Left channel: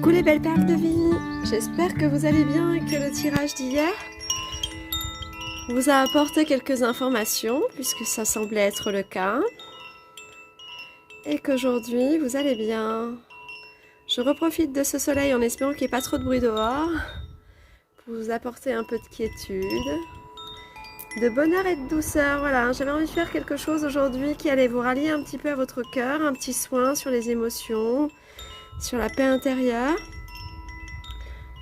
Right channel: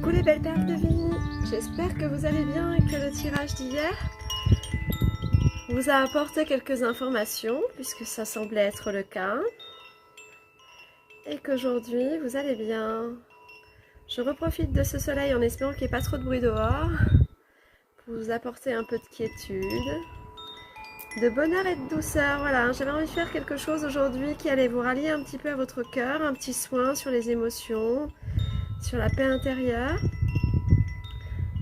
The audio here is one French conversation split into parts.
Coucou les belles perles de vie, j'espère que vous allez bien et que le tirage d'hier vous a apporté quelques informations puisque ça semblait être le cas et qu'aujourd'hui vous allez bien. Je reprofite de ce soleil en espérant qu'il n'y ait pas trop de bruit dehors pour vous apporter un peu de quiétude, de bonheur et de douceur. Voilà, j'avais envie de faire quelque chose aujourd'hui qui allait vous rallier un petit peu à votre cœur, un petit soin sur les émotions, sur la paix intérieure.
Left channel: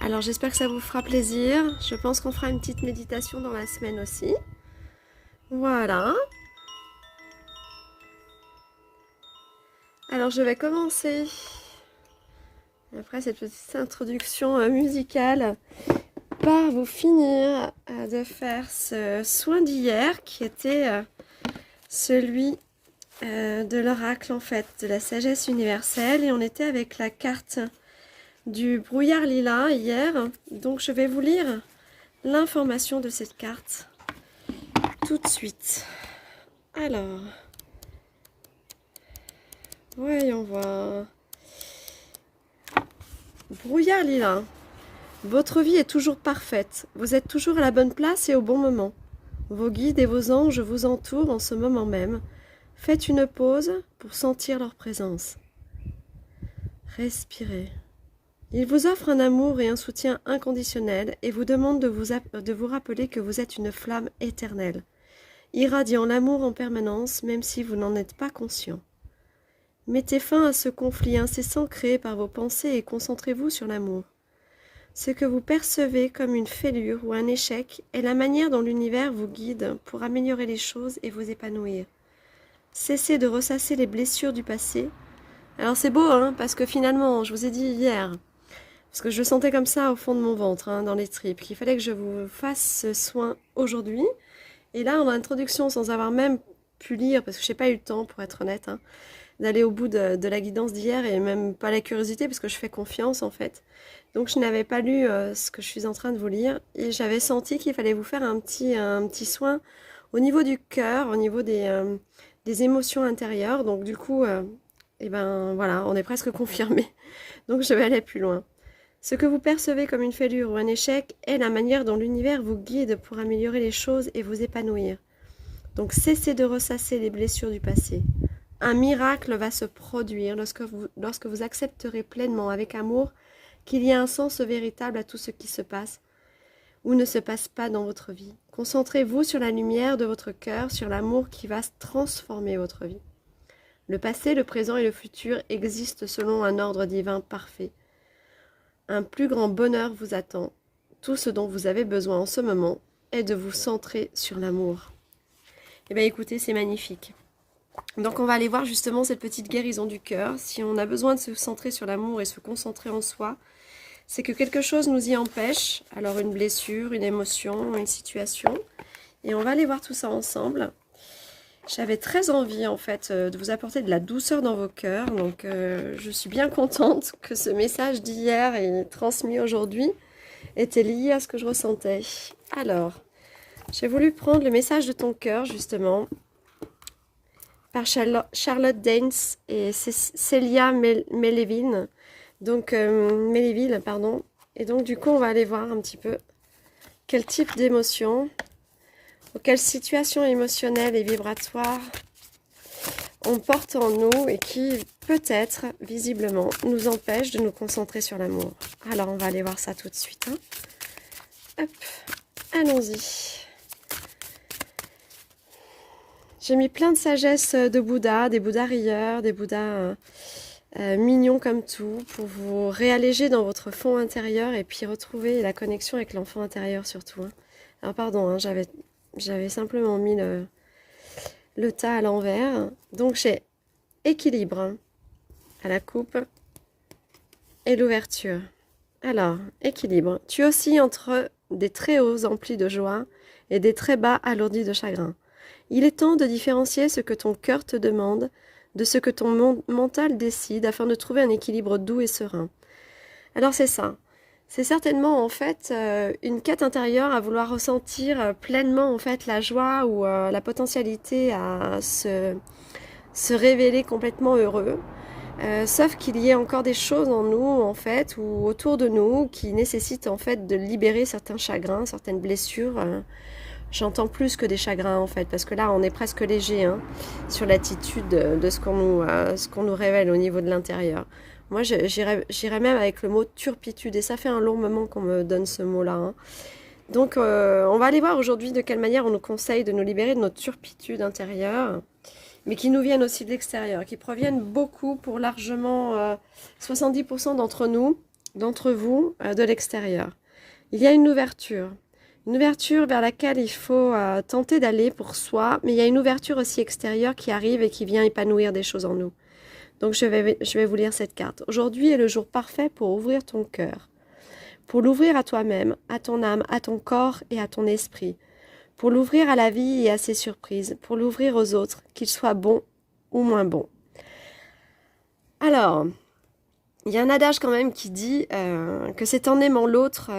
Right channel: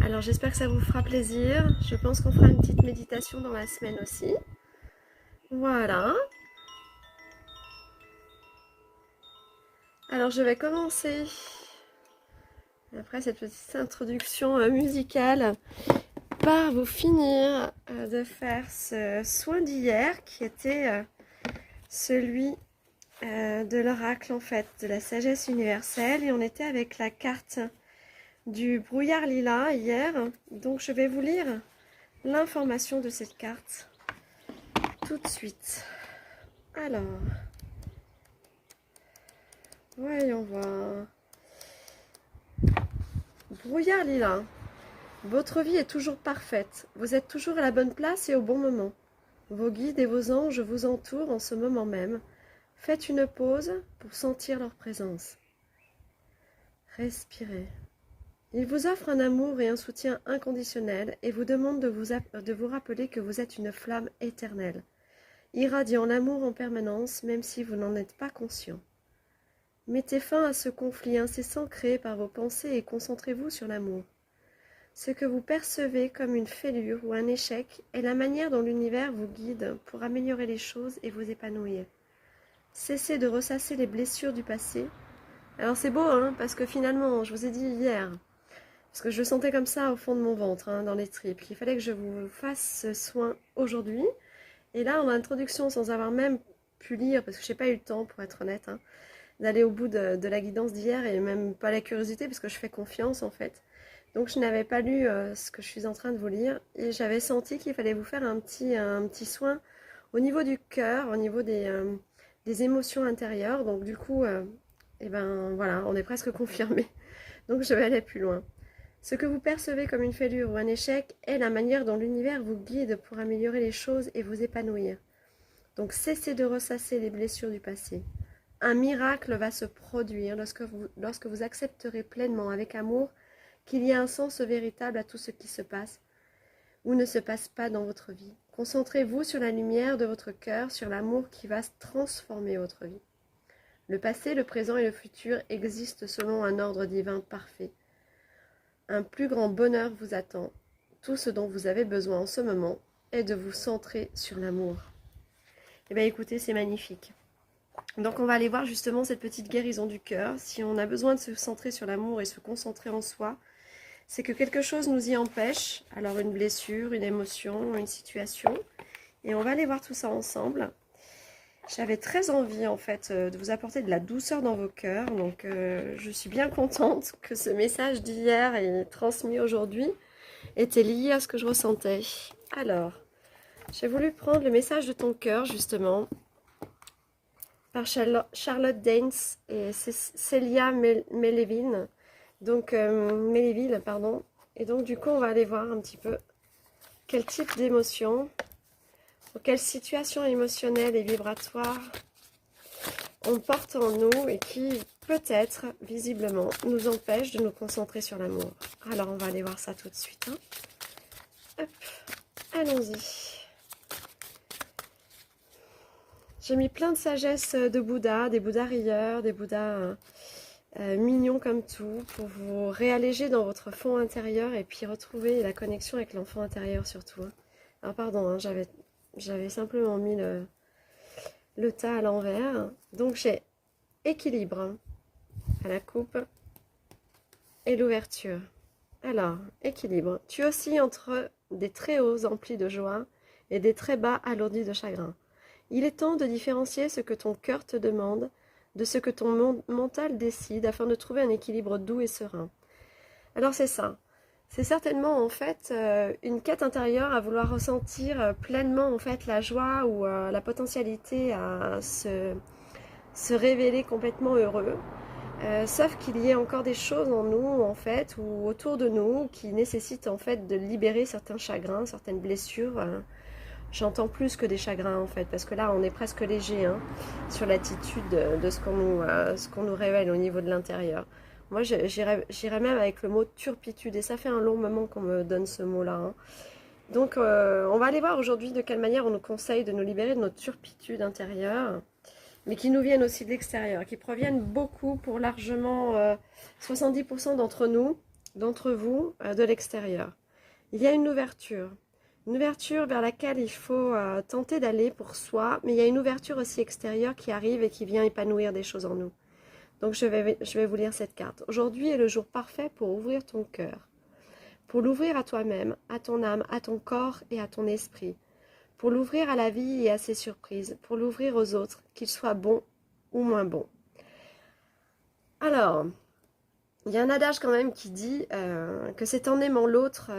Alors j'espère que ça vous fera plaisir. Je pense qu'on fera une petite méditation dans la semaine aussi. Voilà. Alors je vais commencer, après cette petite introduction musicale, par vous finir de faire ce soin d'hier qui était celui de l'oracle en fait, de la sagesse universelle. Et on était avec la carte du brouillard lilas hier, donc je vais vous lire l'information de cette carte tout de suite. Alors, voyons voir. Brouillard lilas, votre vie est toujours parfaite, vous êtes toujours à la bonne place et au bon moment. Vos guides et vos anges vous entourent en ce moment même. Faites une pause pour sentir leur présence. Respirez. Il vous offre un amour et un soutien inconditionnel et vous demande de vous rappeler que vous êtes une flamme éternelle, irradiant l'amour en permanence même si vous n'en êtes pas conscient. Mettez fin à ce conflit incessant créé par vos pensées et concentrez-vous sur l'amour. Ce que vous percevez comme une fêlure ou un échec est la manière dont l'univers vous guide pour améliorer les choses et vous épanouir. Cessez de ressasser les blessures du passé. Alors c'est beau, hein, parce que finalement, je vous ai dit hier, parce que je le sentais comme ça au fond de mon ventre, hein, dans les tripes, qu'il fallait que je vous fasse ce soin aujourd'hui. Et là, en introduction, sans avoir même pu lire, parce que je n'ai pas eu le temps, pour être honnête, hein, d'aller au bout de la guidance d'hier, et même pas la curiosité, parce que je fais confiance, en fait. Donc, je n'avais pas lu ce que je suis en train de vous lire, et j'avais senti qu'il fallait vous faire un petit soin au niveau du cœur, au niveau des émotions intérieures. Donc, du coup, et ben voilà, on est presque confirmé. Donc, je vais aller plus loin. Ce que vous percevez comme une fêlure ou un échec est la manière dont l'univers vous guide pour améliorer les choses et vous épanouir. Donc cessez de ressasser les blessures du passé. Un miracle va se produire lorsque vous accepterez pleinement avec amour qu'il y a un sens véritable à tout ce qui se passe ou ne se passe pas dans votre vie. Concentrez-vous sur la lumière de votre cœur, sur l'amour qui va transformer votre vie. Le passé, le présent et le futur existent selon un ordre divin parfait. Un plus grand bonheur vous attend. Tout ce dont vous avez besoin en ce moment est de vous centrer sur l'amour. Eh bien écoutez, c'est magnifique. Donc on va aller voir justement cette petite guérison du cœur. Si on a besoin de se centrer sur l'amour et se concentrer en soi, c'est que quelque chose nous y empêche. Alors une blessure, une émotion, une situation. Et on va aller voir tout ça ensemble. J'avais très envie en fait de vous apporter de la douceur dans vos cœurs, donc je suis bien contente que ce message d'hier et transmis aujourd'hui était lié à ce que je ressentais. Alors, j'ai voulu prendre le message de ton cœur justement par Charlotte Danes et Célia Meleville, donc Meleville, pardon. Et donc du coup on va aller voir un petit peu quel type d'émotion, quelle situation émotionnelle et vibratoire on porte en nous et qui, peut-être, visiblement, nous empêche de nous concentrer sur l'amour. Alors, on va aller voir ça tout de suite. Hein. Hop, allons-y. J'ai mis plein de sagesse de Bouddha, des Bouddhas rieurs, des Bouddhas mignons comme tout, pour vous réalléger dans votre fond intérieur et puis retrouver la connexion avec l'enfant intérieur surtout. Hein. Alors, pardon, hein, j'avais simplement mis le tas à l'envers. Donc j'ai équilibre hein, à la coupe et l'ouverture. Alors, équilibre. Tu oscilles entre des très hauts emplis de joie et des très bas alourdis de chagrin. Il est temps de différencier ce que ton cœur te demande de ce que ton mental décide afin de trouver un équilibre doux et serein. Alors c'est ça. C'est certainement en fait une quête intérieure à vouloir ressentir pleinement en fait la joie ou la potentialité à se révéler complètement heureux. Sauf qu'il y ait encore des choses en nous, en fait, ou autour de nous, qui nécessitent, en fait, de libérer certains chagrins, certaines blessures. J'entends plus que des chagrins, en fait, parce que là, on est presque léger, hein, sur l'attitude de ce qu'on nous révèle au niveau de l'intérieur. Moi, j'irais même avec le mot turpitude, et ça fait un long moment qu'on me donne ce mot-là, hein. Donc, on va aller voir aujourd'hui de quelle manière on nous conseille de nous libérer de notre turpitude intérieure, mais qui nous viennent aussi de l'extérieur, qui proviennent beaucoup, pour largement 70% d'entre vous, de l'extérieur. Il y a une ouverture vers laquelle il faut tenter d'aller pour soi, mais il y a une ouverture aussi extérieure qui arrive et qui vient épanouir des choses en nous. Donc je vais vous lire cette carte. Aujourd'hui est le jour parfait pour ouvrir ton cœur, pour l'ouvrir à toi-même, à ton âme, à ton corps et à ton esprit, pour l'ouvrir à la vie et à ses surprises, pour l'ouvrir aux autres, qu'ils soient bons ou moins bons. Alors, il y a un adage quand même qui dit que c'est en aimant l'autre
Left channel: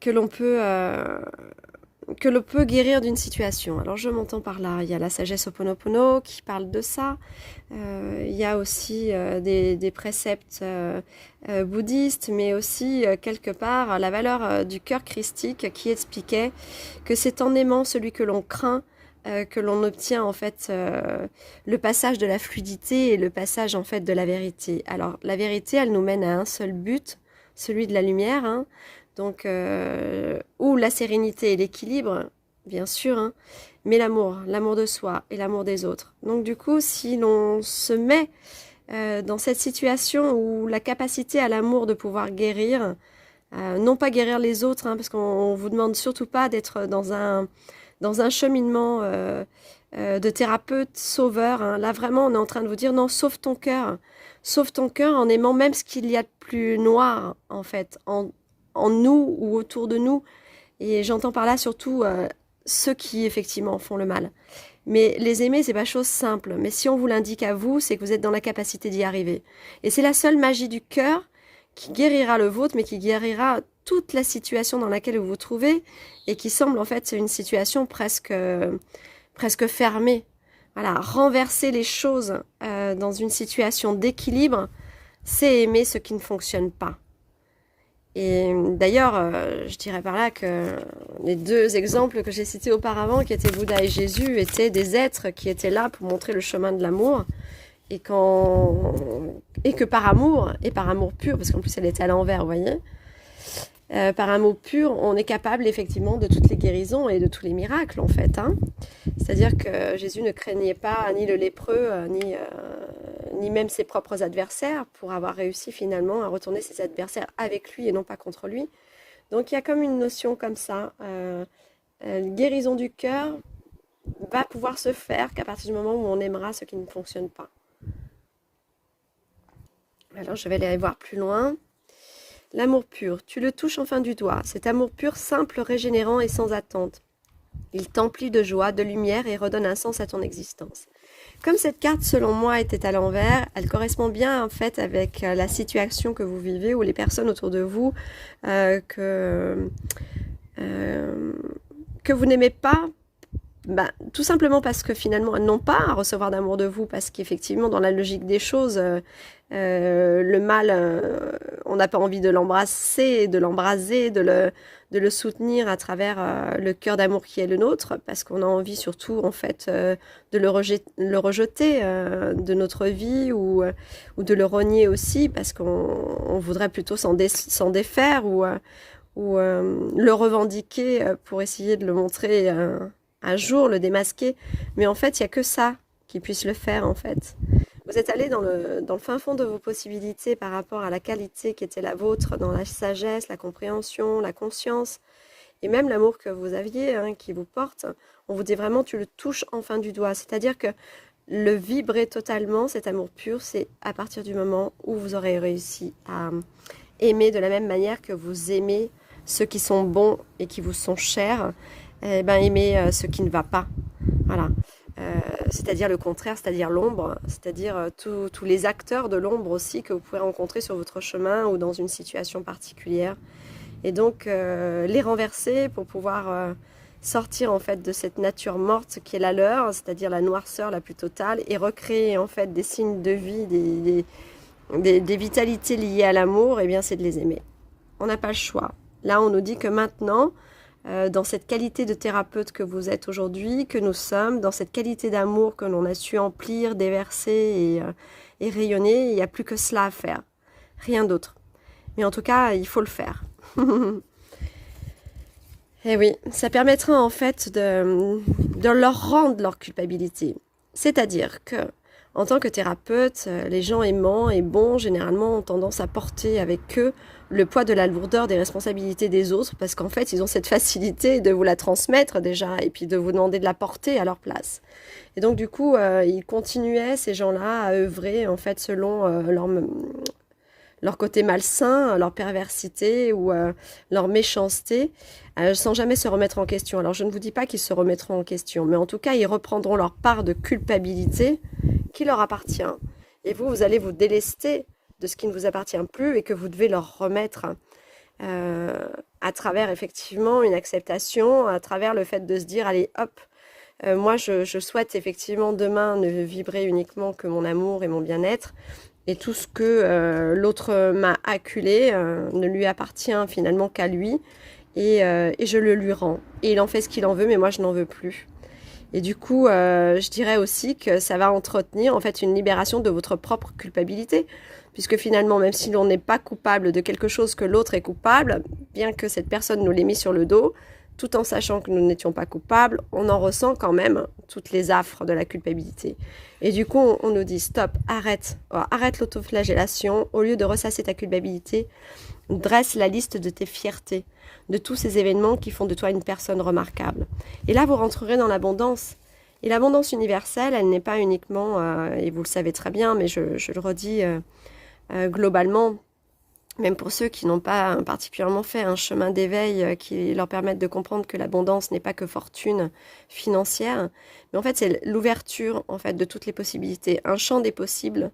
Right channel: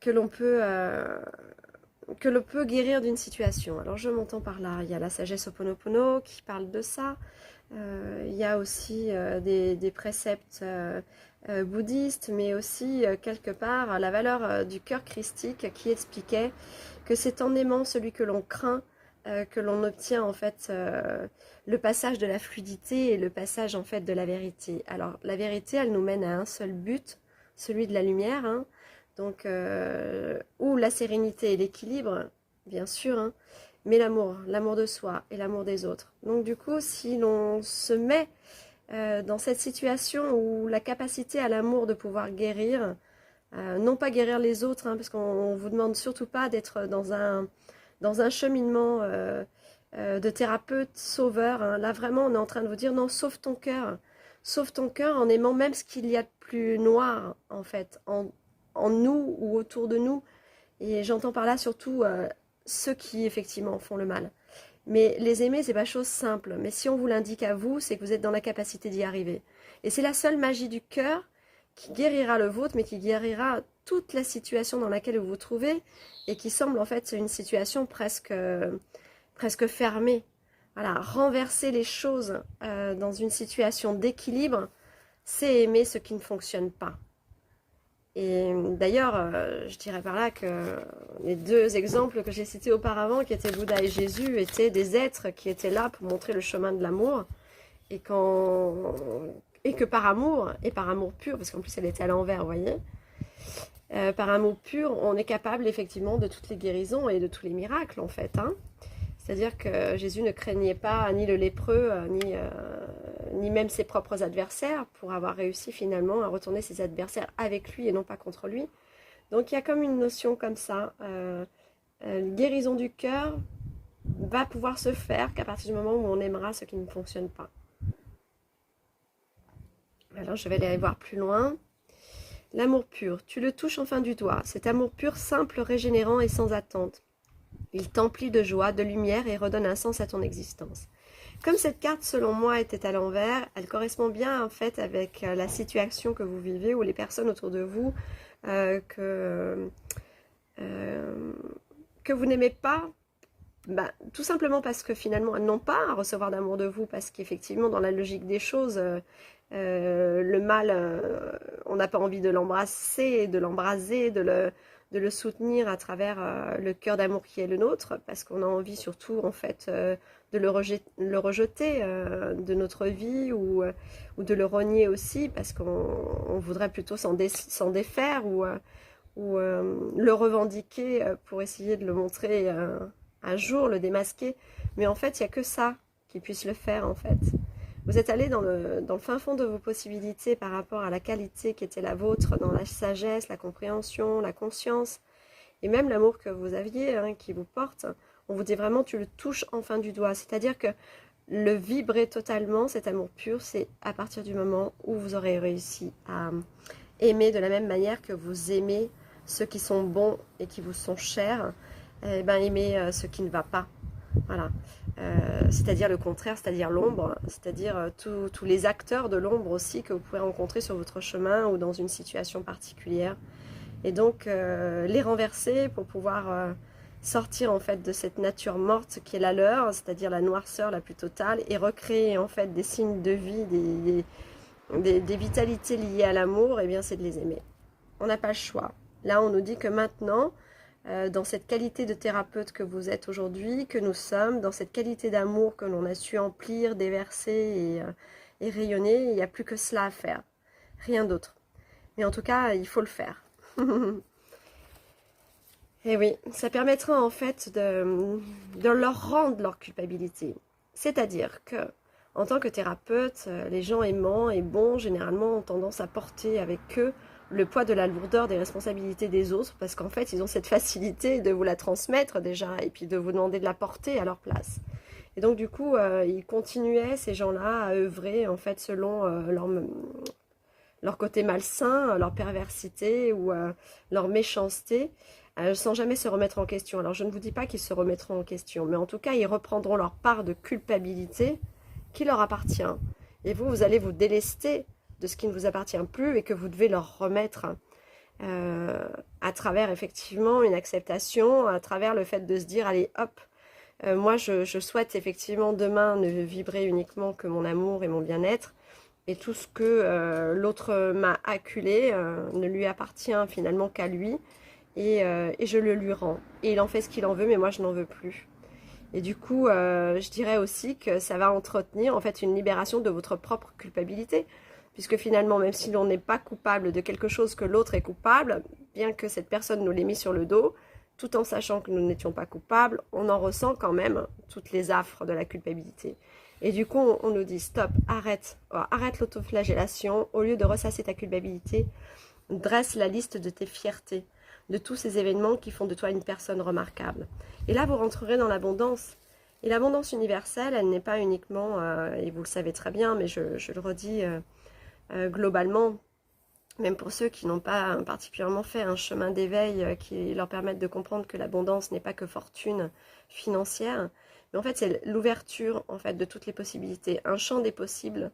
que l'on peut guérir d'une situation. Alors je m'entends par là, il y a la sagesse Ho'oponopono qui parle de ça, il y a aussi des préceptes bouddhistes, mais aussi quelque part la valeur du cœur christique qui expliquait que c'est en aimant celui que l'on craint que l'on obtient en fait le passage de la fluidité et le passage en fait de la vérité. Alors la vérité, elle nous mène à un seul but, celui de la lumière, hein. Donc, ou la sérénité et l'équilibre, bien sûr, hein, mais l'amour de soi et l'amour des autres. Donc du coup, si l'on se met dans cette situation où la capacité à l'amour de pouvoir guérir, non pas guérir les autres, hein, parce qu'on vous demande surtout pas d'être dans un cheminement de thérapeute sauveur, hein. Là vraiment, on est en train de vous dire non, sauve ton cœur en aimant même ce qu'il y a de plus noir en fait, en nous ou autour de nous. Et j'entends par là surtout ceux qui effectivement font le mal. Mais les aimer, c'est pas chose simple. Mais si on vous l'indique à vous, c'est que vous êtes dans la capacité d'y arriver. Et c'est la seule magie du cœur qui guérira le vôtre, mais qui guérira toute la situation dans laquelle vous vous trouvez et qui semble en fait une situation presque fermée. Voilà, renverser les choses dans une situation d'équilibre, c'est aimer ce qui ne fonctionne pas. Et d'ailleurs, je dirais par là que les deux exemples que j'ai cités auparavant, qui étaient Bouddha et Jésus, étaient des êtres qui étaient là pour montrer le chemin de l'amour. Et que par amour, et par amour pur, parce qu'en plus elle était à l'envers, vous voyez, par amour pur, on est capable effectivement de toutes les guérisons et de tous les miracles en fait, hein. C'est-à-dire que Jésus ne craignait pas ni le lépreux, ni même ses propres adversaires, pour avoir réussi finalement à retourner ses adversaires avec lui et non pas contre lui. Donc il y a comme une notion comme ça, guérison du cœur va pouvoir se faire qu'à partir du moment où on aimera ce qui ne fonctionne pas. Alors je vais aller voir plus loin. L'amour pur, tu le touches enfin du doigt. Cet amour pur, simple, régénérant et sans attente. Il t'emplit de joie, de lumière et redonne un sens à ton existence. Comme cette carte, selon moi, était à l'envers, elle correspond bien en fait avec la situation que vous vivez ou les personnes autour de vous que vous n'aimez pas. Tout simplement parce que finalement elles n'ont pas à recevoir d'amour de vous, parce qu'effectivement dans la logique des choses, le mal, on n'a pas envie de l'embrasser, de l'embraser, de le soutenir à travers le cœur d'amour qui est le nôtre, parce qu'on a envie surtout en fait de le rejeter de notre vie ou de le renier aussi, parce qu'on voudrait plutôt s'en défaire ou le revendiquer pour essayer de le montrer un jour, le démasquer. Mais en fait, il n'y a que ça qui puisse le faire en fait. Vous êtes allé dans le fin fond de vos possibilités par rapport à la qualité qui était la vôtre, dans la sagesse, la compréhension, la conscience, et même l'amour que vous aviez, hein, qui vous porte. On vous dit vraiment, tu le touches enfin du doigt. C'est-à-dire que le vibrer totalement, cet amour pur, c'est à partir du moment où vous aurez réussi à aimer de la même manière que vous aimez ceux qui sont bons et qui vous sont chers, aimer ce qui ne va pas. Voilà. C'est-à-dire le contraire, c'est-à-dire l'ombre, c'est-à-dire tous les acteurs de l'ombre aussi que vous pouvez rencontrer sur votre chemin ou dans une situation particulière. Et donc les renverser pour pouvoir sortir en fait de cette nature morte qui est la leur, c'est-à-dire la noirceur la plus totale, et recréer en fait des signes de vie, des vitalités liées à l'amour, et bien c'est de les aimer. On n'a pas le choix. Là, on nous dit que maintenant, dans cette qualité de thérapeute que vous êtes aujourd'hui, que nous sommes, dans cette qualité d'amour que l'on a su emplir, déverser et rayonner, il n'y a plus que cela à faire. Rien d'autre. Mais en tout cas, il faut le faire. Et oui, ça permettra en fait de leur rendre leur culpabilité. C'est-à-dire que, en tant que thérapeute, les gens aimants et bons, généralement, ont tendance à porter avec eux le poids de la lourdeur des responsabilités des autres, parce qu'en fait, ils ont cette facilité de vous la transmettre déjà, et puis de vous demander de la porter à leur place. Et donc, du coup, ils continuaient, ces gens-là, à œuvrer, en fait, selon leur côté malsain, leur perversité ou leur méchanceté, sans jamais se remettre en question. Alors je ne vous dis pas qu'ils se remettront en question, mais en tout cas ils reprendront leur part de culpabilité qui leur appartient. Et vous, vous allez vous délester de ce qui ne vous appartient plus et que vous devez leur remettre à travers effectivement une acceptation, à travers le fait de se dire allez hop, moi je souhaite effectivement demain ne vibrer uniquement que mon amour et mon bien-être. Et tout ce que l'autre m'a acculé ne lui appartient finalement qu'à lui. Et je le lui rends. Et il en fait ce qu'il en veut, mais moi je n'en veux plus. Et du coup, je dirais aussi que ça va entretenir en fait une libération de votre propre culpabilité. Puisque finalement, même si l'on n'est pas coupable de quelque chose que l'autre est coupable, bien que cette personne nous l'ait mis sur le dos, tout en sachant que nous n'étions pas coupables, on en ressent quand même toutes les affres de la culpabilité. Et du coup, on nous dit stop, arrête, arrête l'autoflagellation, au lieu de ressasser ta culpabilité, dresse la liste de tes fiertés, de tous ces événements qui font de toi une personne remarquable. Et là, vous rentrerez dans l'abondance. Et l'abondance universelle, elle n'est pas uniquement, et vous le savez très bien, mais je le redis globalement, même pour ceux qui n'ont pas particulièrement fait un chemin d'éveil qui leur permette de comprendre que l'abondance n'est pas que fortune financière, mais en fait c'est l'ouverture en fait de toutes les possibilités, un champ des possibles,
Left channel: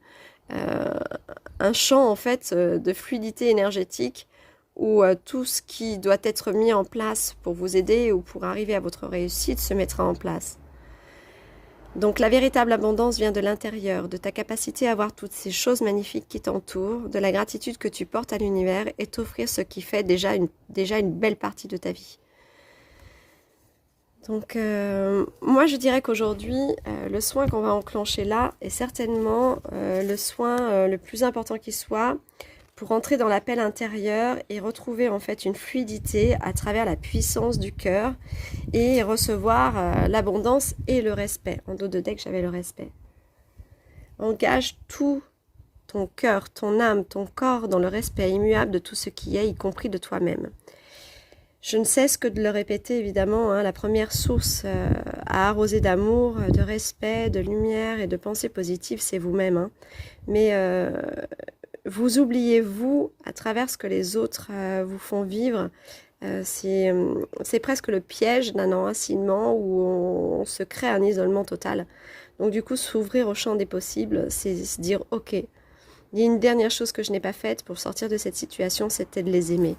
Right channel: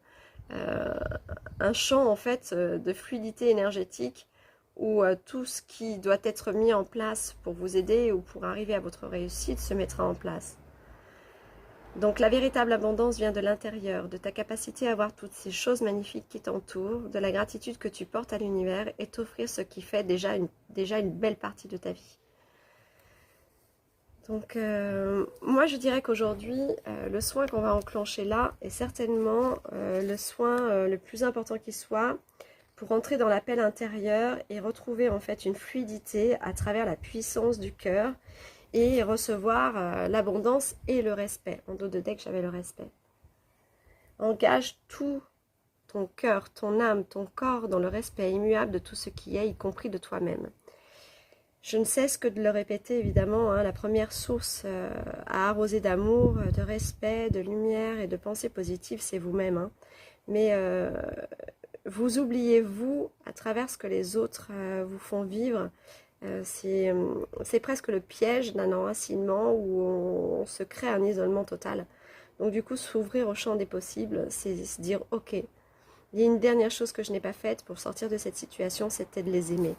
un champ en fait de fluidité énergétique où tout ce qui doit être mis en place pour vous aider ou pour arriver à votre réussite se mettra en place. Donc la véritable abondance vient de l'intérieur, de ta capacité à voir toutes ces choses magnifiques qui t'entourent, de la gratitude que tu portes à l'univers et t'offrir ce qui fait déjà une belle partie de ta vie. Donc moi je dirais qu'aujourd'hui, le soin qu'on va enclencher là est certainement le soin le plus important qui soit pour entrer dans l'appel intérieur et retrouver en fait une fluidité à travers la puissance du cœur et recevoir l'abondance et le respect. En dos de deck, j'avais le respect. Engage tout ton cœur, ton âme, ton corps dans le respect immuable de tout ce qui est, y compris de toi-même. Je ne cesse que de le répéter, évidemment, la première source à arroser d'amour, de respect, de lumière et de pensée positive, c'est vous-même. Mais vous oubliez vous à travers ce que les autres vous font vivre. C'est presque le piège d'un enracinement où on se crée un isolement total. Donc du coup, s'ouvrir au champ des possibles, c'est se dire « Ok, il y a une dernière chose que je n'ai pas faite pour sortir de cette situation, c'était de les aimer. »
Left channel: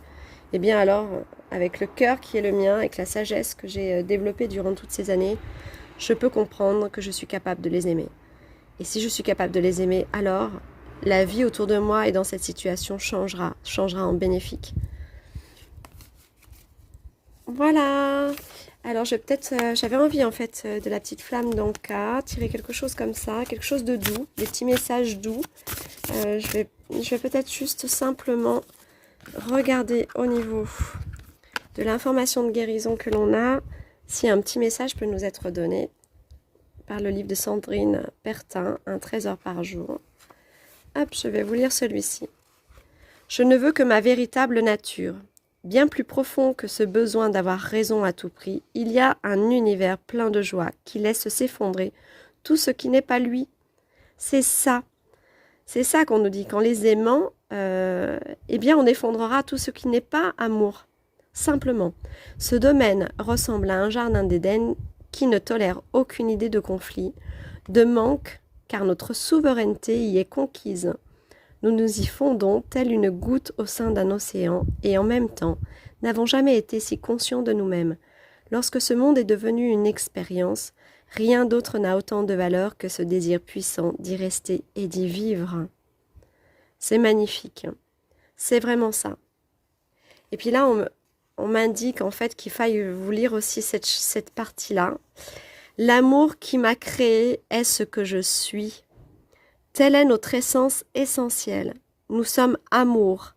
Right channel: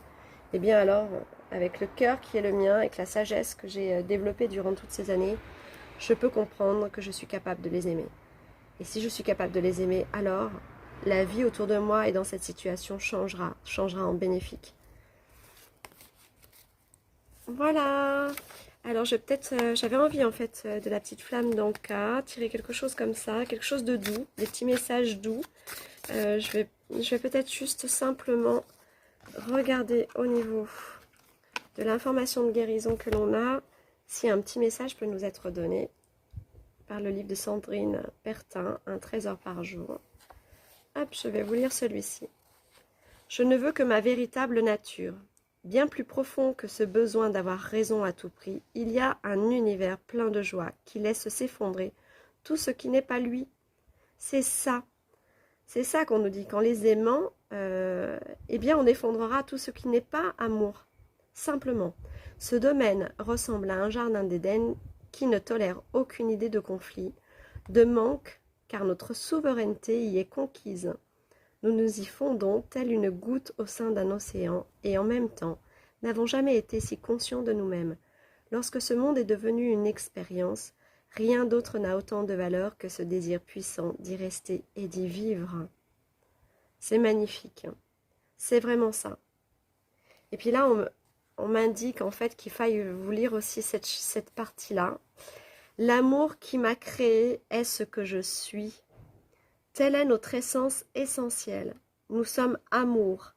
Et bien alors, avec le cœur qui est le mien, avec la sagesse que j'ai développée durant toutes ces années, je peux comprendre que je suis capable de les aimer. Et si je suis capable de les aimer, alors la vie autour de moi et dans cette situation changera en bénéfique. Voilà. Alors j'avais envie en fait de la petite flamme dans le cas, tirer quelque chose comme ça, quelque chose de doux, des petits messages doux. Je vais peut-être juste simplement regarder au niveau de l'information de guérison que l'on a, si un petit message peut nous être donné par le livre de Sandrine Bertin, Un trésor par jour. Hop, je vais vous lire celui-ci. Je ne veux que ma véritable nature. Bien plus profond que ce besoin d'avoir raison à tout prix, il y a un univers plein de joie qui laisse s'effondrer tout ce qui n'est pas lui. C'est ça qu'on nous dit. Qu'en les aimant, eh bien on effondrera tout ce qui n'est pas amour. Simplement, ce domaine ressemble à un jardin d'Éden qui ne tolère aucune idée de conflit, de manque, car notre souveraineté y est conquise. Nous nous y fondons telle une goutte au sein d'un océan et en même temps, n'avons jamais été si conscients de nous-mêmes. Lorsque ce monde est devenu une expérience, rien d'autre n'a autant de valeur que ce désir puissant d'y rester et d'y vivre. C'est magnifique. C'est vraiment ça. Et puis là, on m'indique en fait qu'il faille vous lire aussi cette partie-là. L'amour qui m'a créé est ce que je suis. Telle est notre essence essentielle. Nous sommes amour.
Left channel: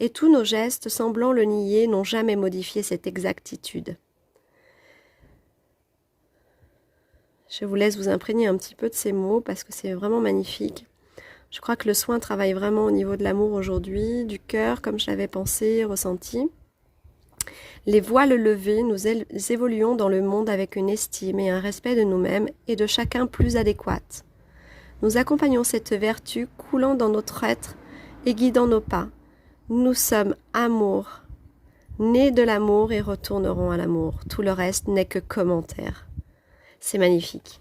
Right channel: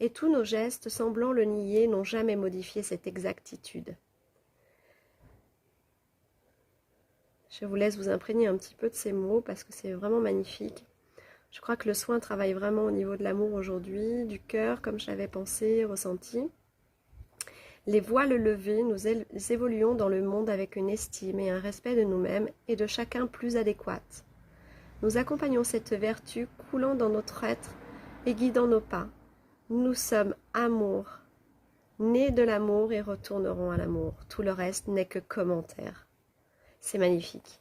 Et tous nos gestes, semblant le nier, n'ont jamais modifié cette exactitude. Je vous laisse vous imprégner un petit peu de ces mots parce que c'est vraiment magnifique. Je crois que le soin travaille vraiment au niveau de l'amour aujourd'hui, du cœur, comme je l'avais pensé, ressenti. Les voiles levés, nous évoluons dans le monde avec une estime et un respect de nous-mêmes et de chacun plus adéquate. Nous accompagnons cette vertu coulant dans notre être et guidant nos pas. Nous sommes amour, nés de l'amour et retournerons à l'amour. Tout le reste n'est que commentaire. C'est magnifique.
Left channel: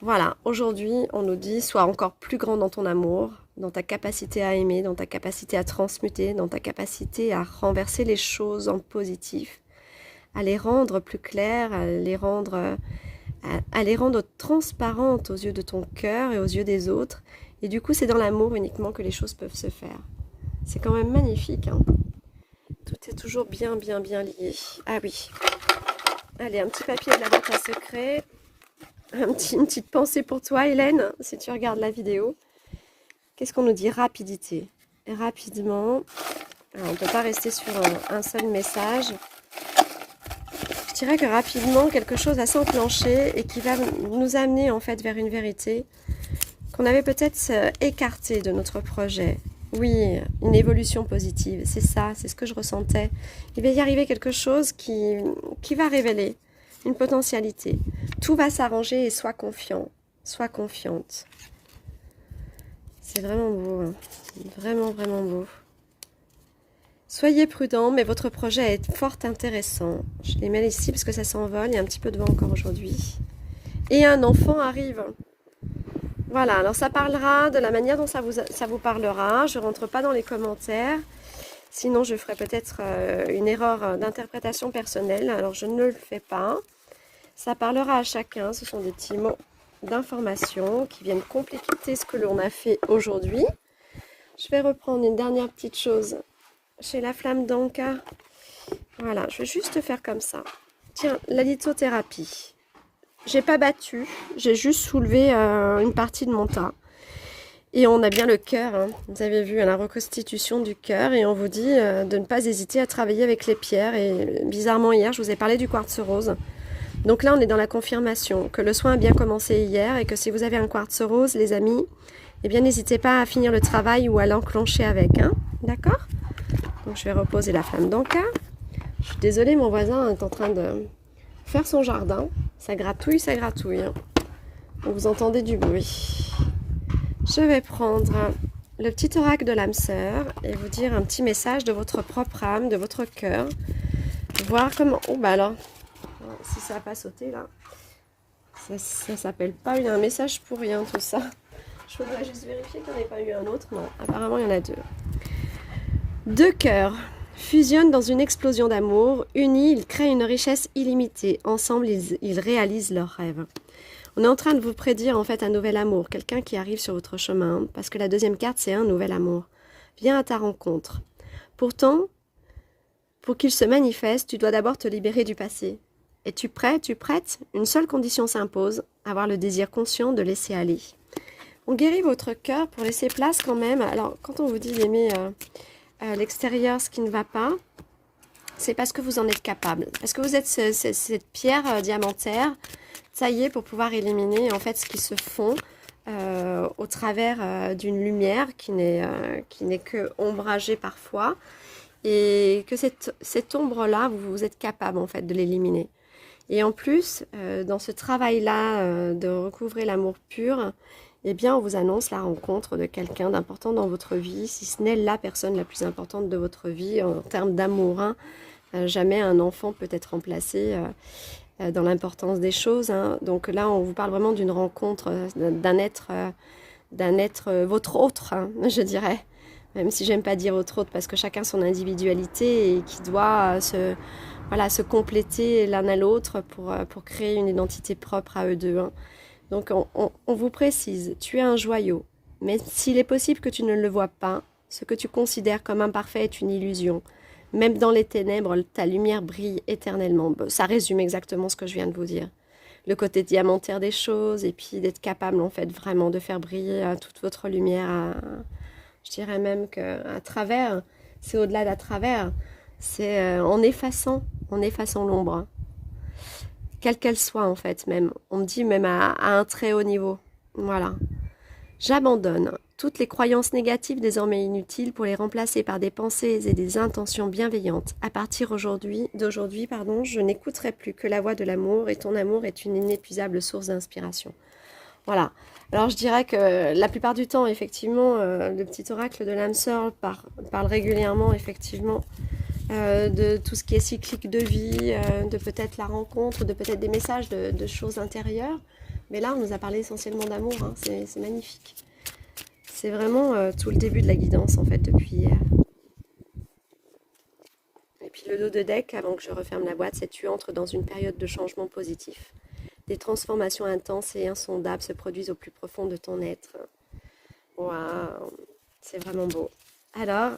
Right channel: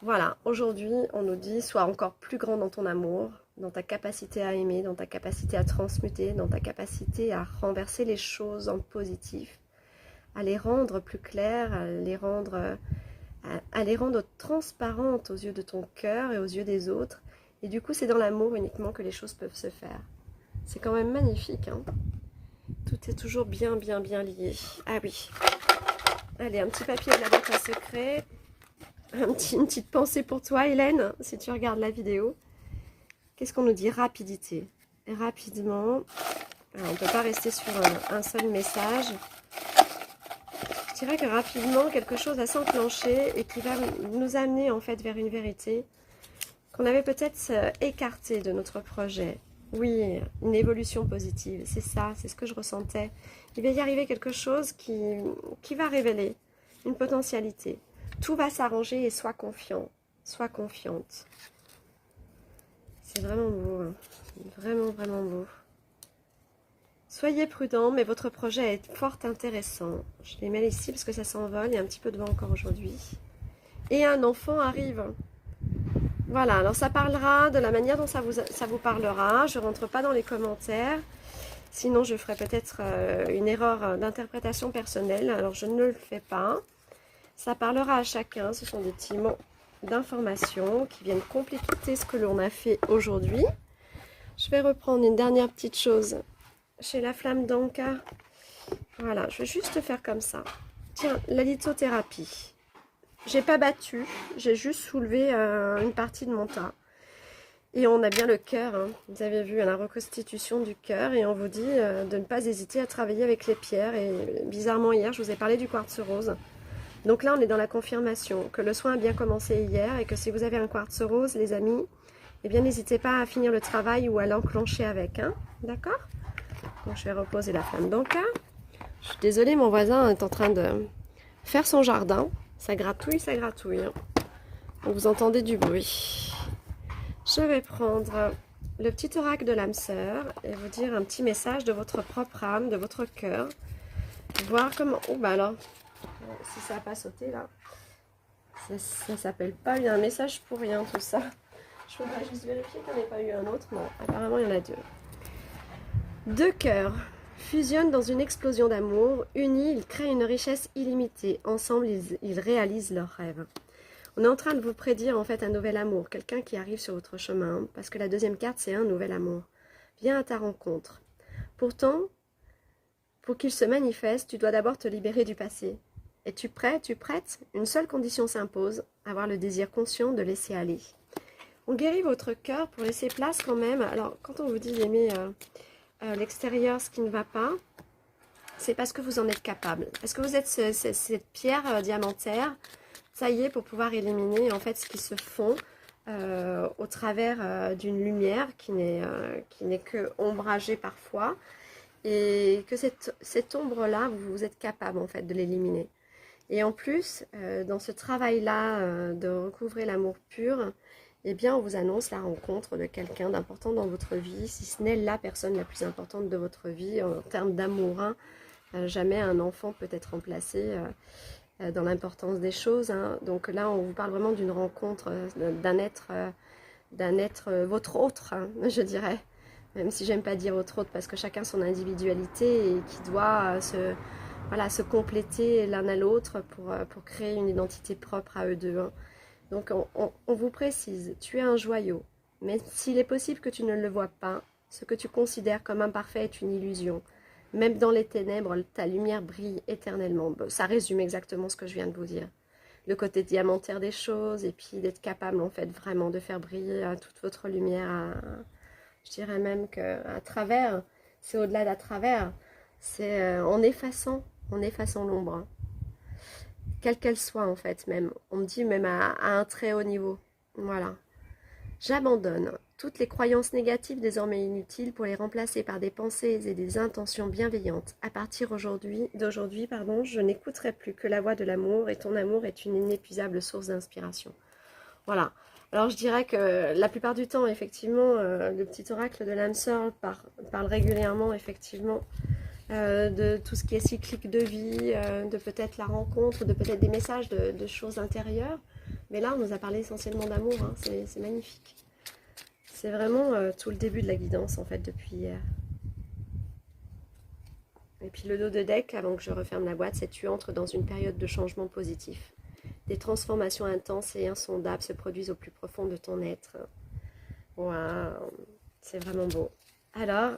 Voilà, aujourd'hui, on nous dit, sois encore plus grand dans ton amour, dans ta capacité à aimer, dans ta capacité à transmuter, dans ta capacité à renverser les choses en positif, à les rendre plus claires, à les rendre transparentes aux yeux de ton cœur et aux yeux des autres. Et du coup, c'est dans l'amour uniquement que les choses peuvent se faire. C'est quand même magnifique, hein. Tout est toujours bien lié. Ah oui. Allez, un petit papier de la boîte à secret. Une petite pensée pour toi, Hélène, si tu regardes la vidéo. Qu'est-ce qu'on nous dit? Rapidité. Rapidement. Alors, on ne peut pas rester sur un seul message. Je dirais que rapidement, quelque chose va s'enclencher et qui va nous amener en fait vers une vérité qu'on avait peut-être écartée de notre projet. Oui, une évolution positive, c'est ça, c'est ce que je ressentais. Il va y arriver quelque chose qui va révéler une potentialité. Tout va s'arranger et sois confiant, sois confiante. C'est vraiment beau, hein. Vraiment beau. Soyez prudents, mais votre projet est fort intéressant. Je les mets ici parce que ça s'envole, il y a un petit peu de vent encore aujourd'hui. Et un enfant arrive. Voilà, alors ça parlera de la manière dont ça vous parlera. Je ne rentre pas dans les commentaires. Sinon, je ferai peut-être une erreur d'interprétation personnelle. Alors, je ne le fais pas. Ça parlera à chacun. Ce sont des petits mots d'information qui viennent compléter ce que l'on a fait aujourd'hui. Je vais reprendre une dernière petite chose chez la flamme d'Anka. Voilà, je vais juste faire comme ça. Tiens, la lithothérapie. J'ai pas battu, j'ai juste soulevé une partie de mon tas. Et on a bien le cœur, hein. Vous avez vu la reconstitution du cœur et on vous dit de ne pas hésiter à travailler avec les pierres. Et bizarrement hier, je vous ai parlé du quartz rose. Donc là, on est dans la confirmation que le soin a bien commencé hier et que si vous avez un quartz rose, les amis, eh bien n'hésitez pas à finir le travail ou à l'enclencher avec, hein. D'accord? Donc je vais reposer la flamme d'Anka. Je suis désolée, mon voisin est en train de faire son jardin. Ça gratouille, ça gratouille. Hein. Donc vous entendez du bruit. Je vais prendre le petit oracle de l'âme sœur et vous dire un petit message de votre propre âme, de votre cœur. Voir comment... Oh bah là, si ça n'a pas sauté là, ça s'appelle pas un message pour rien tout ça. Je voudrais juste vérifier qu'il n'y en ait pas eu un autre. Non, apparemment il y en a deux. Deux cœurs fusionnent dans une explosion d'amour. Unis, ils créent une richesse illimitée. Ensemble, ils réalisent leurs rêves. On est en train de vous prédire en fait un nouvel amour, quelqu'un qui arrive sur votre chemin, parce que la deuxième carte, c'est un nouvel amour. Viens à ta rencontre. Pourtant, pour qu'il se manifeste, tu dois d'abord te libérer du passé. Es-tu prêt? Tu prêtes? Une seule condition s'impose, avoir le désir conscient de laisser aller. On guérit votre cœur pour laisser place quand même. Alors, quand on vous dit d'aimer à l'extérieur ce qui ne va pas, c'est parce que vous en êtes capable. Parce que vous êtes cette pierre diamantaire, taillée pour pouvoir éliminer en fait ce qui se fond au travers d'une lumière qui n'est que ombragée parfois. Et que cette ombre-là, vous êtes capable en fait de l'éliminer. Et en plus, dans ce travail-là de recouvrer l'amour pur, eh bien, on vous annonce la rencontre de quelqu'un d'important dans votre vie, si ce n'est la personne la plus importante de votre vie en termes d'amour. Hein. Jamais un enfant peut être remplacé dans l'importance des choses. Hein. Donc là, on vous parle vraiment d'une rencontre d'un être, votre autre, hein, je dirais. Même si j'aime pas dire votre autre, parce que chacun son individualité et qui doit voilà, se compléter l'un à l'autre pour créer une identité propre à eux deux, hein. Donc on vous précise, tu es un joyau, mais s'il est possible que tu ne le vois pas, ce que tu considères comme imparfait est une illusion. Même dans les ténèbres, ta lumière brille éternellement. Ça résume exactement ce que je viens de vous dire. Le côté diamantaire des choses, et puis d'être capable en fait vraiment de faire briller toute votre lumière. Je dirais même qu'à travers, c'est au-delà d'à travers, c'est en effaçant l'ombre, quelle qu'elle soit en fait même. On me dit même à un très haut niveau. Voilà. J'abandonne toutes les croyances négatives désormais inutiles pour les remplacer par des pensées et des intentions bienveillantes. À partir d'aujourd'hui, je n'écouterai plus que la voix de l'amour et ton amour est une inépuisable source d'inspiration. Voilà. Alors je dirais que la plupart du temps, effectivement, le petit oracle de l'âme sœur parle régulièrement, effectivement, de tout ce qui est cyclique de vie, de peut-être la rencontre, de peut-être des messages de choses intérieures. Mais là, on nous a parlé essentiellement d'amour, hein. C'est magnifique. C'est vraiment tout le début de la guidance, en fait, depuis hier. Et puis le dos de deck, avant que je referme la boîte, c'est tu entres dans une période de changement positif. Des transformations intenses et insondables se produisent au plus profond de ton être. Waouh, c'est vraiment beau. Alors,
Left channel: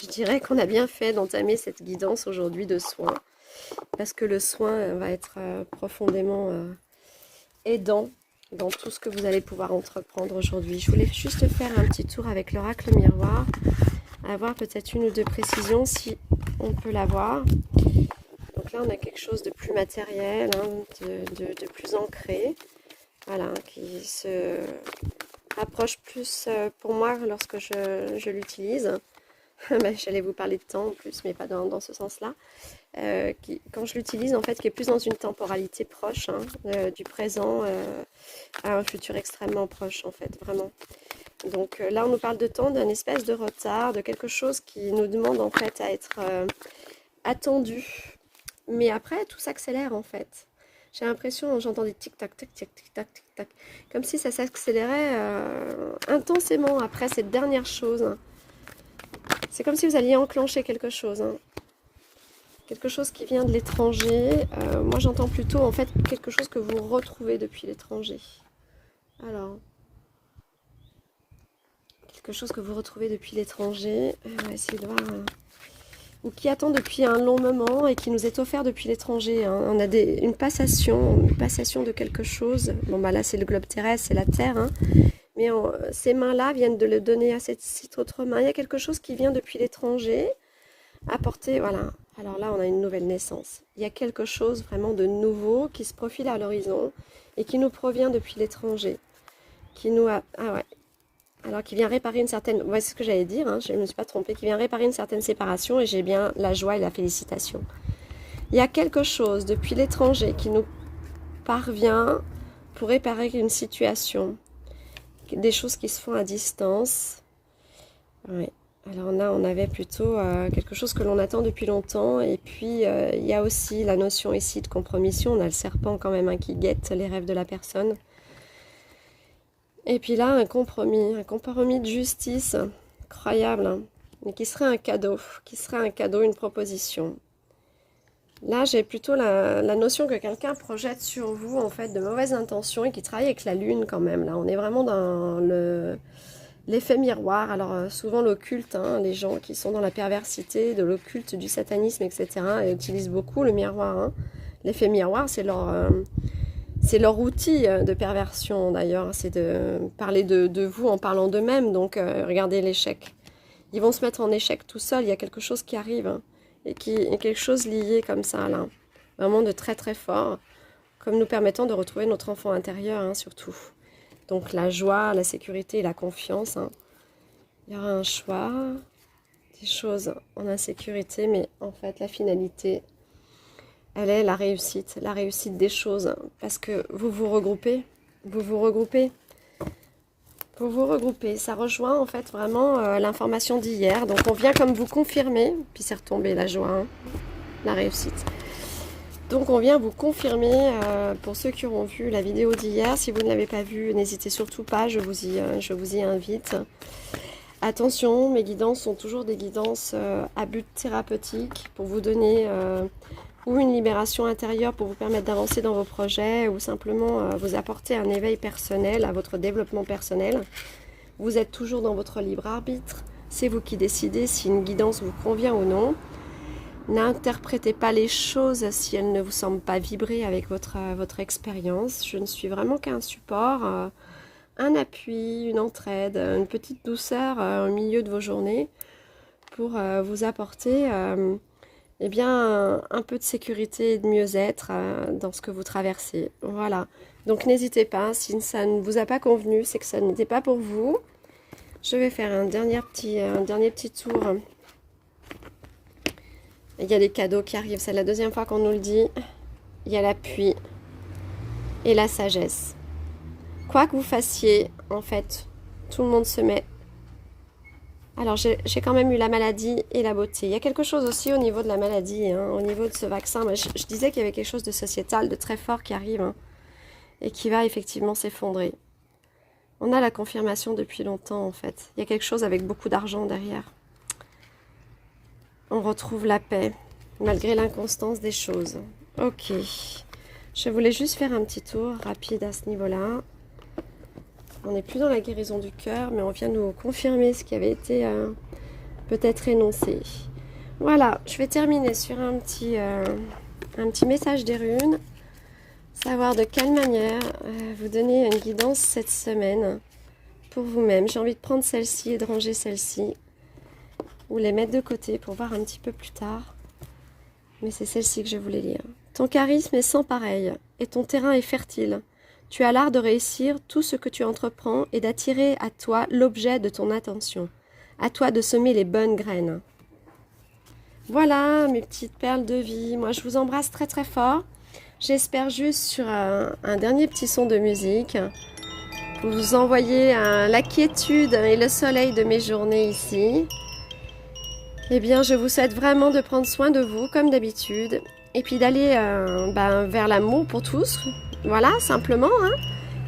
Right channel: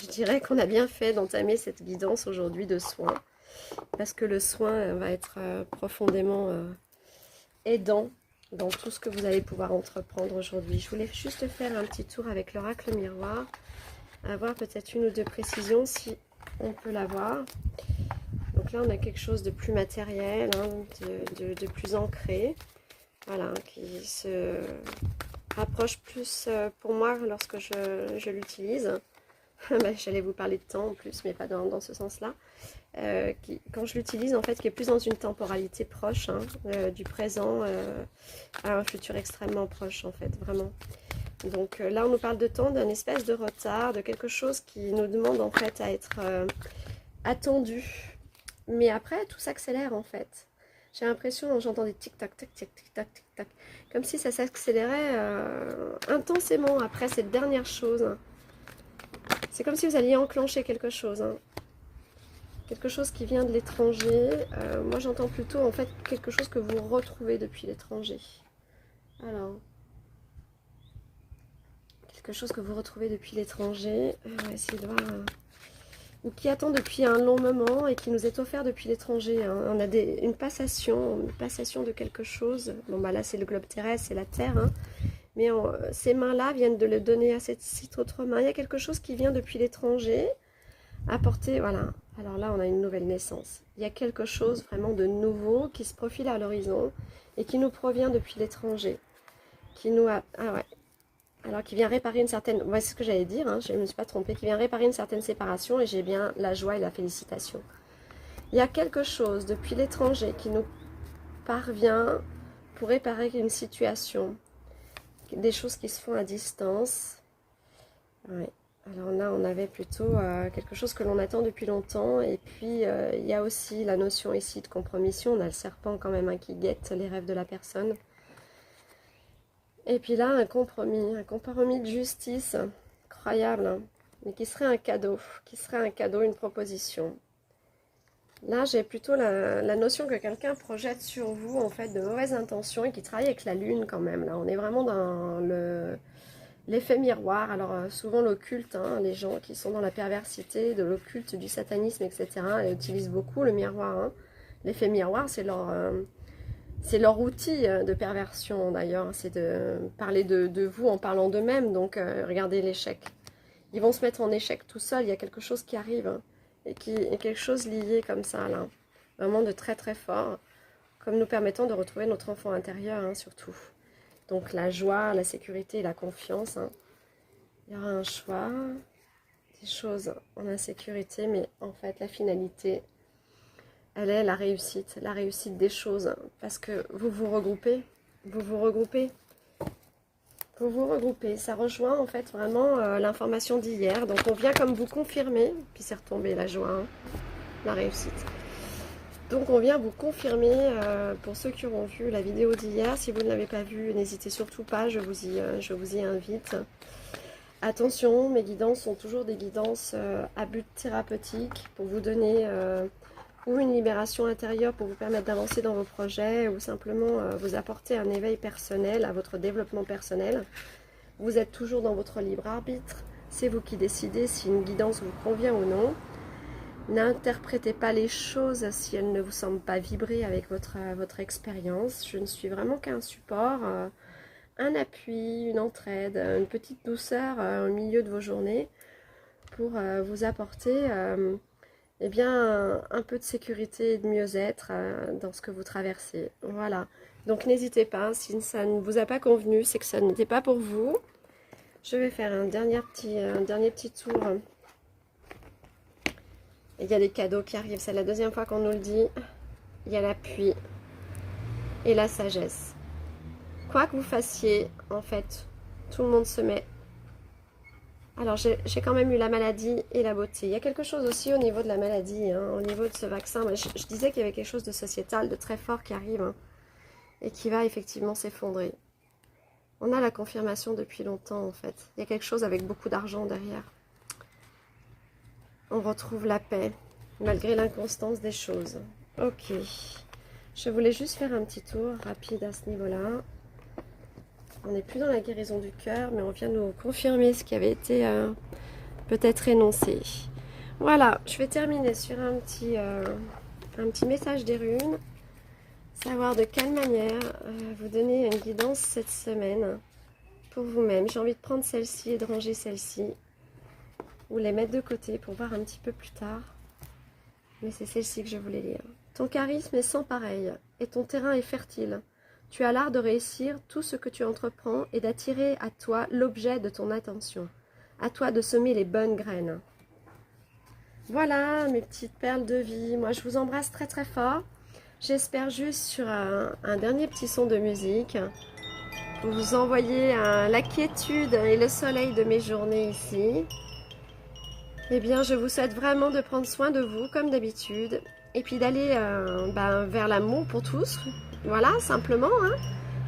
je dirais qu'on a bien fait d'entamer cette guidance aujourd'hui de soin, parce que le soin va être profondément aidant dans tout ce que vous allez pouvoir entreprendre aujourd'hui. Je voulais juste faire un petit tour avec l'oracle miroir, avoir peut-être une ou deux précisions si on peut l'avoir. Donc là, on a quelque chose de plus matériel, hein, de plus ancré, voilà, qui se rapproche plus pour moi lorsque je l'utilise. J'allais vous parler de temps en plus, mais pas dans ce sens-là. Quand je l'utilise, en fait, qui est plus dans une temporalité proche, hein, du présent à un futur extrêmement proche, en fait, vraiment. Donc là, on nous parle de temps, d'un espèce de retard, de quelque chose qui nous demande, en fait, à être attendu. Mais après, tout s'accélère, en fait. J'ai l'impression, j'entends des tic-tac, tic-tac, tic-tac, tic-tac, comme si ça s'accélérait intensément après cette dernière chose. C'est comme si vous alliez enclencher quelque chose, hein. Quelque chose qui vient de l'étranger. Moi, j'entends plutôt, en fait, quelque chose que vous retrouvez depuis l'étranger. Alors, quelque chose que vous retrouvez depuis l'étranger. On va essayer de voir. Ou qui attend depuis un long moment et qui nous est offert depuis l'étranger, hein. On a une passation de quelque chose. Bon, bah là, c'est le globe terrestre, c'est la Terre, hein. Mais ces mains-là viennent de le donner à cette autre main. Il y a quelque chose qui vient depuis l'étranger, apporter, voilà. Alors là, on a une nouvelle naissance. Il y a quelque chose vraiment de nouveau qui se profile à l'horizon et qui nous provient depuis l'étranger. Qui nous a... Ah ouais. Alors, qui vient réparer une certaine... Voici ce que j'allais dire, hein, je ne me suis pas trompée. Qui vient réparer une certaine séparation et j'ai bien la joie et la félicitation. Il y a quelque chose depuis l'étranger qui nous parvient pour réparer une situation. Des choses qui se font à distance. Ouais. Alors là, on avait plutôt quelque chose que l'on attend depuis longtemps. Et puis, il y a aussi la notion ici de compromission. On a le serpent quand même, hein, qui guette les rêves de la personne. Et puis là, un compromis de justice, incroyable, hein, mais qui serait un cadeau, une proposition. Là, j'ai plutôt la notion que quelqu'un projette sur vous, en fait, de mauvaises intentions et qui travaille avec la lune quand même. Là, on est vraiment dans l'effet miroir. Alors, souvent l'occulte, hein, les gens qui sont dans la perversité, de l'occulte, du satanisme, etc., ils utilisent beaucoup le miroir, hein. L'effet miroir, c'est leur outil de perversion, d'ailleurs. C'est de parler de vous en parlant d'eux-mêmes. Donc, regardez l'échec. Ils vont se mettre en échec tout seuls. Il y a quelque chose qui arrive, hein. Et qui est quelque chose lié comme ça, là. Vraiment de très très fort, comme nous permettant de retrouver notre enfant intérieur, hein, surtout. Donc la joie, la sécurité et la confiance, hein. Il y aura un choix, des choses en insécurité, mais en fait la finalité, elle est la réussite des choses, hein, parce que vous vous regroupez. Ça rejoint en fait vraiment l'information d'hier. Donc on vient comme vous confirmer, puis c'est retombé la joie, hein, la réussite. Donc on vient vous confirmer, pour ceux qui auront vu la vidéo d'hier, si vous ne l'avez pas vue, n'hésitez surtout pas, je vous y invite. Attention, mes guidances sont toujours des guidances à but thérapeutique pour vous donner ou une libération intérieure pour vous permettre d'avancer dans vos projets ou simplement vous apporter un éveil personnel à votre développement personnel. Vous êtes toujours dans votre libre arbitre. C'est vous qui décidez si une guidance vous convient ou non. N'interprétez pas les choses si elles ne vous semblent pas vibrer avec votre expérience. Je ne suis vraiment qu'un support, un appui, une entraide, une petite douceur au milieu de vos journées pour vous apporter eh bien, un peu de sécurité et de mieux-être dans ce que vous traversez. Voilà. Donc n'hésitez pas, si ça ne vous a pas convenu, c'est que ça n'était pas pour vous. Je vais faire un dernier petit tour. Il y a des cadeaux qui arrivent, c'est la deuxième fois qu'on nous le dit. Il y a l'appui et la sagesse. Quoi que vous fassiez, en fait, tout le monde se met. Alors, j'ai quand même eu la maladie et la beauté. Il y a quelque chose aussi au niveau de la maladie, hein, au niveau de ce vaccin. Je disais qu'il y avait quelque chose de sociétal, de très fort qui arrive hein, et qui va effectivement s'effondrer. On a la confirmation depuis longtemps, en fait. Il y a quelque chose avec beaucoup d'argent derrière. On retrouve la paix, malgré l'inconstance des choses. Ok. Je voulais juste faire un petit tour rapide à ce niveau-là. On n'est plus dans la guérison du cœur, mais on vient nous confirmer ce qui avait été peut-être énoncé. Voilà, je vais terminer sur un petit message des runes. Savoir de quelle manière vous donner une guidance cette semaine pour vous-même. J'ai envie de prendre celle-ci et de ranger celle-ci. Ou les mettre de côté pour voir un petit peu plus tard. Mais c'est celle-ci que je voulais lire. Ton charisme est sans pareil et ton terrain est fertile. Tu as l'art de réussir tout ce que tu entreprends et d'attirer à toi l'objet de ton attention. À toi de semer les bonnes graines. Voilà mes petites perles de vie. Moi je vous embrasse très très fort. J'espère juste sur un dernier petit son de musique pour vous envoyer la quiétude et le soleil de mes journées ici. Eh bien je vous souhaite vraiment de prendre soin de vous comme d'habitude. Et puis d'aller vers l'amour pour tous. Voilà, simplement. Hein.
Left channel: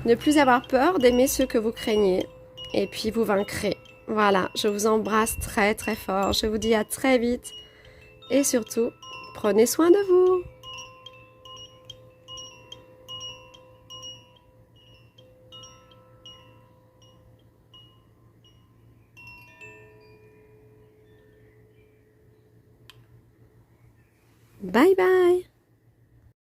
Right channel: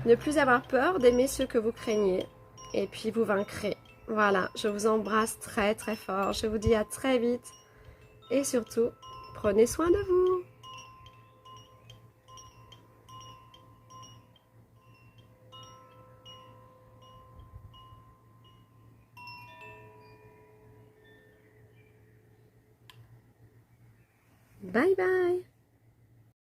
Ne plus avoir peur d'aimer ceux que vous craignez. Et puis vous vaincrez. Voilà, je vous embrasse très très fort. Je vous dis à très vite. Et surtout, prenez soin de vous. Bye bye.